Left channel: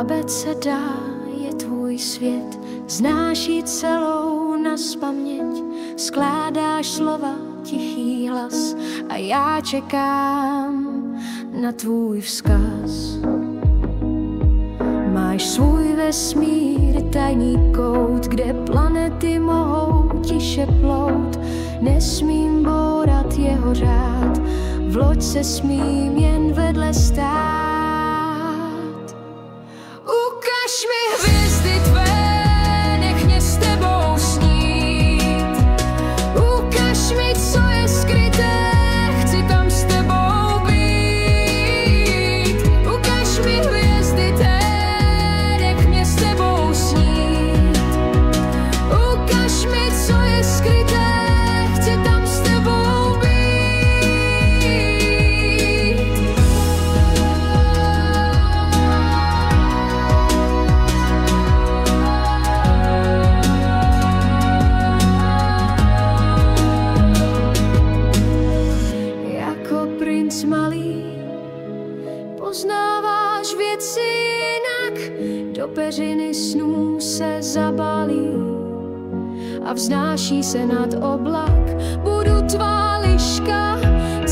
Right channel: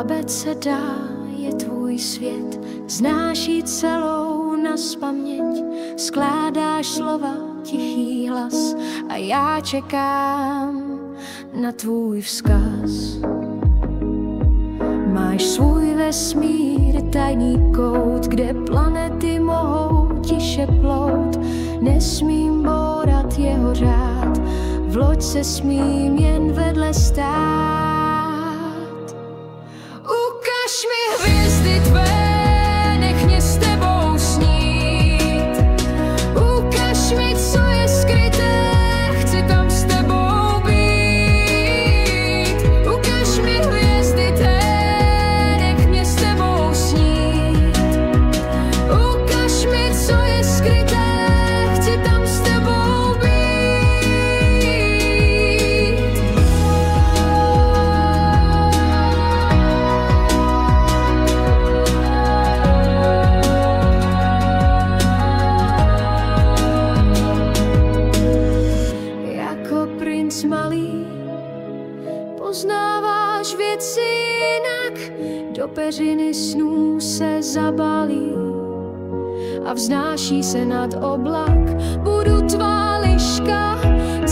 Abeceda je tvůj svět, znáš ji celou nazpaměť, skládáš slova, tichý hlas a já čekám na tvůj vzkaz. Máš svůj vesmír, tajný kout, kde planety mohou tiše plout. Nesmím bourat jeho řád, v loď se smím jen vedle stát. Ukaž mi hvězdy tvé, nech mě s tebou snít. Ukaž mi, co je skryté, chci tam s tebou být. Ukaž mi hvězdy tvé, nech mě s tebou snít. Ukaž mi, co je skryté, chci tam s tebou být. Jako princ malý poznáváš věci jinak, do peřiny snů se zabalí a vznáší se nad oblak. Budu tvá liška,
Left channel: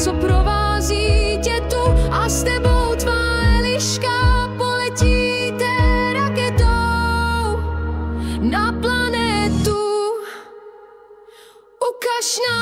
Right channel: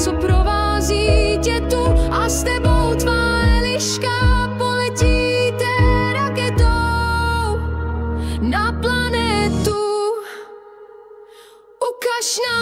co provází tě tu, a s tebou tvá Eliška poletíte raketou na planetu. Ukaž nám